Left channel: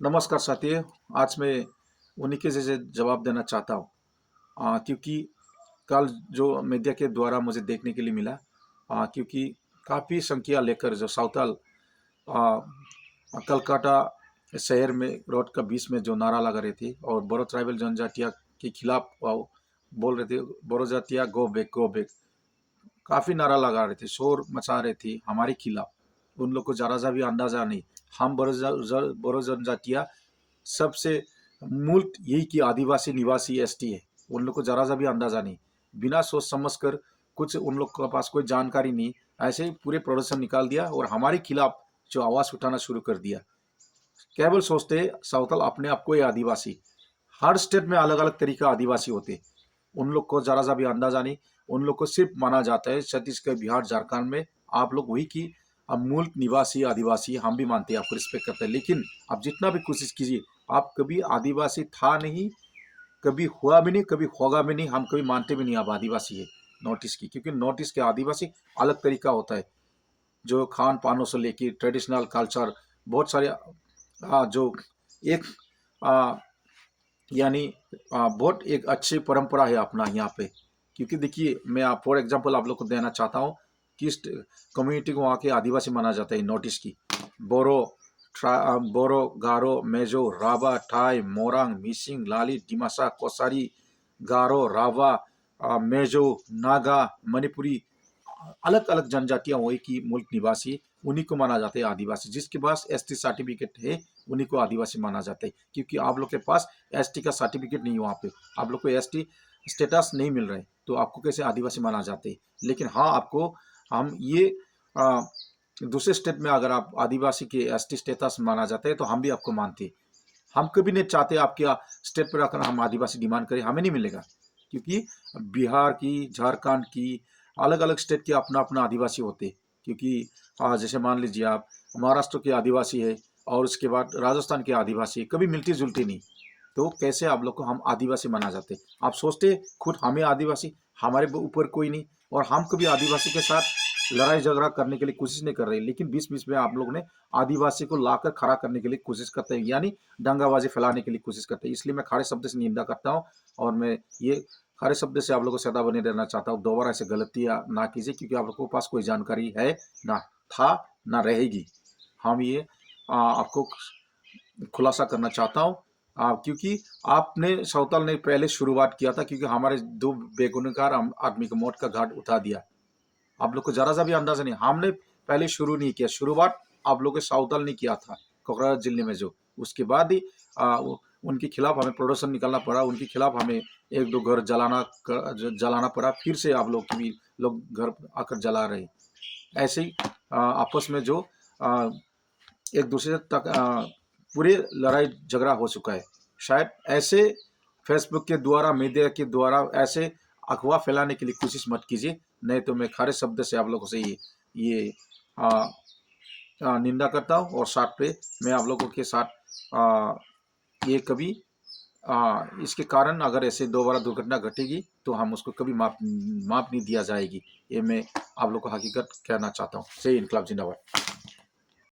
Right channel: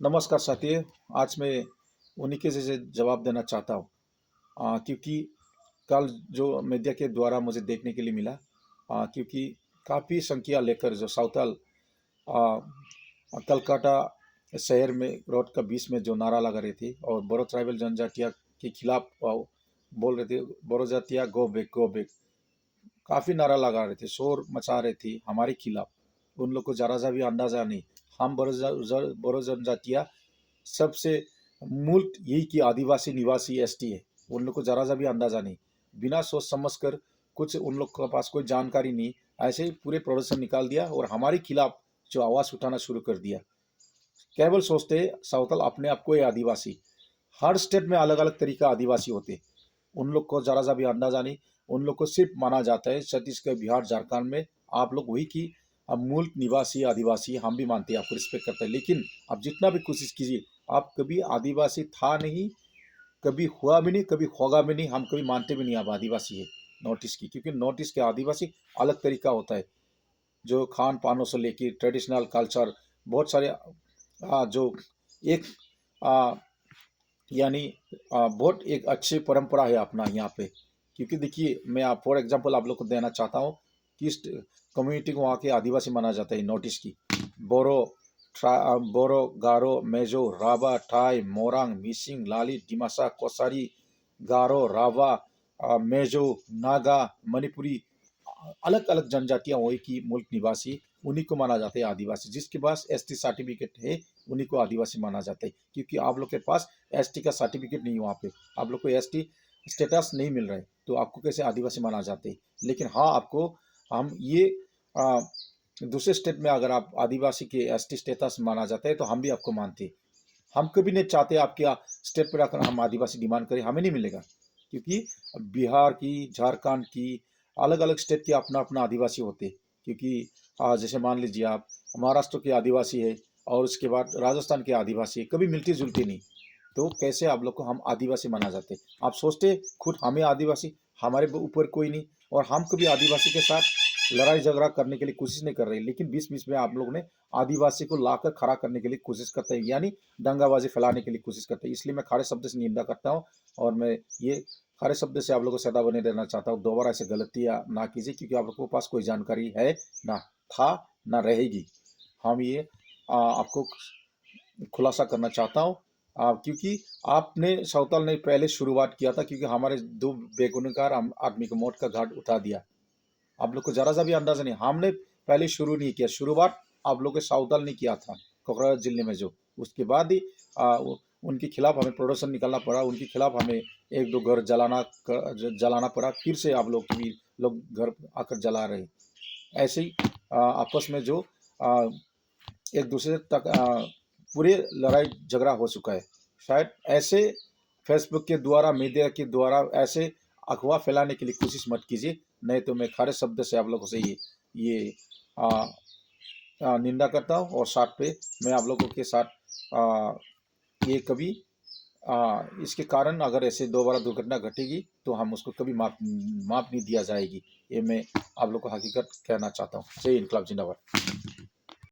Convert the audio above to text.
नमस्कार साथियों। आज मैं उन्हीं के जैसे जवाब देना चाहता हूँ, क्योंकि कल जो मीडिया के द्वारा मुझे देखने के लिए मिला, क्योंकि काफ़ी संख्या लेकर जो साउथाल कलकत्ता शहर में रोड का बीच में जो नारा लगा रहे थे और बोरो ट्राइबल जनजातिया के खिलाफ बोल रहे थे, बोरो जातिया गो बैक गो बैक। काफ़ी नारा लगा रहे थे, शोर मचा रहे थे हमारे खिलाफ। उन लोग को जरा सा भी अंदाजा नहीं। हम बोरो जनजातिया सबसे मूल यही कि आदिवासी निवासी एसटी है। उन लोग को जरा सा भी अंदाजा नहीं, बिना सोच समझ कर, कुछ उन लोग के पास कोई जानकारी नहीं, ऐसे ही पूरे प्रोडक्शन निकाल दिया और हमारे खिलाफ जो आवाज़ उठाना शुरू कर दिया। केवल सोचते सावतल अपने आप को ये आदिवासी। हर स्टेट में अलग अलग तरीका आदिवासी होते। उन लोग को जरा सा भी अंदाजा नहीं। उन लोग को सिर्फ माना जाता है छत्तीसगढ़, बिहार, झारखंड में आप लोग वही की अब मूल निवासी आदिवासी। हम भी मानते हैं, आपको रिस्पेक्ट करते हैं, लेकिन आप जितना भी कोशिश कीजिए, आप कभी आदिवासी था नहीं, कभी हुआ भी नहीं, कभी होगा भी नहीं। हम कभी मानते भी नहीं आप आदिवासी है नॉर्थ ईस्ट की, क्योंकि नॉर्थ ईस्ट के आदिवासी अलग तरीका होता है। जो खान पानों से लेके ट्रेडिशनल कल्चर, बहुत सारे जो एक आ, यानी बहुत एक अच्छी परंपरा है अपना यहाँ पे। क्योंकि देखिए, मैं आप फॉर एग्जांपल आप लोग को देना चाहता हूँ, किस कम्युनिटी को वहाँ के आदिवासी माना जाता है नॉर्थ ईस्ट की। बोरो, बोरो, गारो, मेजो, राभा, टाई, मोरांग, मिसिंग, लाली, डिमासा, कोसारी, गारो, राभा, मेजो, नागा, मणिपुरी, अलग अलग जनजातियां हुई कि मूल निवासी, उन्हीं को माना जाता है आदिवासी। जिसके पास एसटी सर्टिफिकेट है उन्हीं को आदिवासी माना जाता है। क्योंकि आप लोग के पास एसटी का सर्टिफिकेट नहीं है, वहाँ पे आप लोग को एसटी स्टेटस नहीं मिल रहा है, तो आपको कैसे आदिवासी माना जाते हैं। लेकिन हाँ, आपको हम ये आ, दूसरे स्टेट में अगर आप आदिवासी के एसटी स्टेटस माना जाता है तो हम भी आपको मानते हैं। हम कभी नहीं चाहते आपके स्टेट पर आकर हम आदिवासी डिमांड करें, हमें नहीं मिलेगा। क्योंकि बिहार की, झारखंड की, अलग अलग स्टेट के अपना अपना आदिवासी होते। क्योंकि जैसे मान लीजिए आप महाराष्ट्र के आदिवासी है और उसके बाद राजस्थान के आदिवासी है, कभी मिलती जुलती नहीं। तो कैसे आप लोग को हम आदिवासी माना जाते। आप सोचते खुद हमें आदिवासी, हमारे ऊपर कोई नहीं, और हम कभी आदिवासी के साथ लड़ाई झगड़ा करने के लिए कोशिश नहीं कर रहे, लेकिन बीच बीच में आप लोग ने आदिवासी को लाकर खड़ा करने के लिए कोशिश करते हैं, यानी दंगाबाजी फैलाने के लिए कोशिश करते हैं। इसलिए मैं खड़े शब्द से निंदा करता हूँ और मैं ये खड़े शब्द से आप लोगों को सदा बने रहना चाहता हूँ। दोबारा ऐसे गलतियाँ ना कीजिए, क्योंकि आप लोगों के पास कोई जानकारी है ना, था ना रहेगी। हम ये आपको खुलासा करना चाहता हूँ। क्योंकि आपने सावताल ने पहले शुरुआत किया था, क्योंकि हमारे दो बेगुनहगार आदमी को मौत का घाट उठा दिया। आप लोग को जरा सा भी अंदाजा नहीं, हमने पहले शुरू नहीं किया, शुरुआत आप लोग के सावताल ने किया था कोकराझार जिले में। जो उसके बाद ही उनके खिलाफ हमें प्रोडक्शन निकालना पड़ा, उनके खिलाफ हमें एक दो घर जलाना पड़ा, फिर से आप लोग भी लोग घर आकर जला रहे। ऐसे ही आपस में जो एक दूसरे तक पूरे लड़ाई झगड़ा हो चुका है। शायद ऐसे फेसबुक के द्वारा, मीडिया के द्वारा ऐसे अफवाह फैलाने के लिए कोशिश मत कीजिए, नहीं तो मैं खड़े शब्द से आप लोगों से ये आ, निंदा करता हूँ। और साथ पे मैं आप लोगों के साथ ये कभी इसके कारण अगर ऐसे दोबारा दुर्घटना घटेगी तो हम उसको कभी माफ नहीं दिया जाएगी। ये मैं आप लोग को हकीकत कहना चाहता हूँ। जय इनकलाब जिंदाबाद।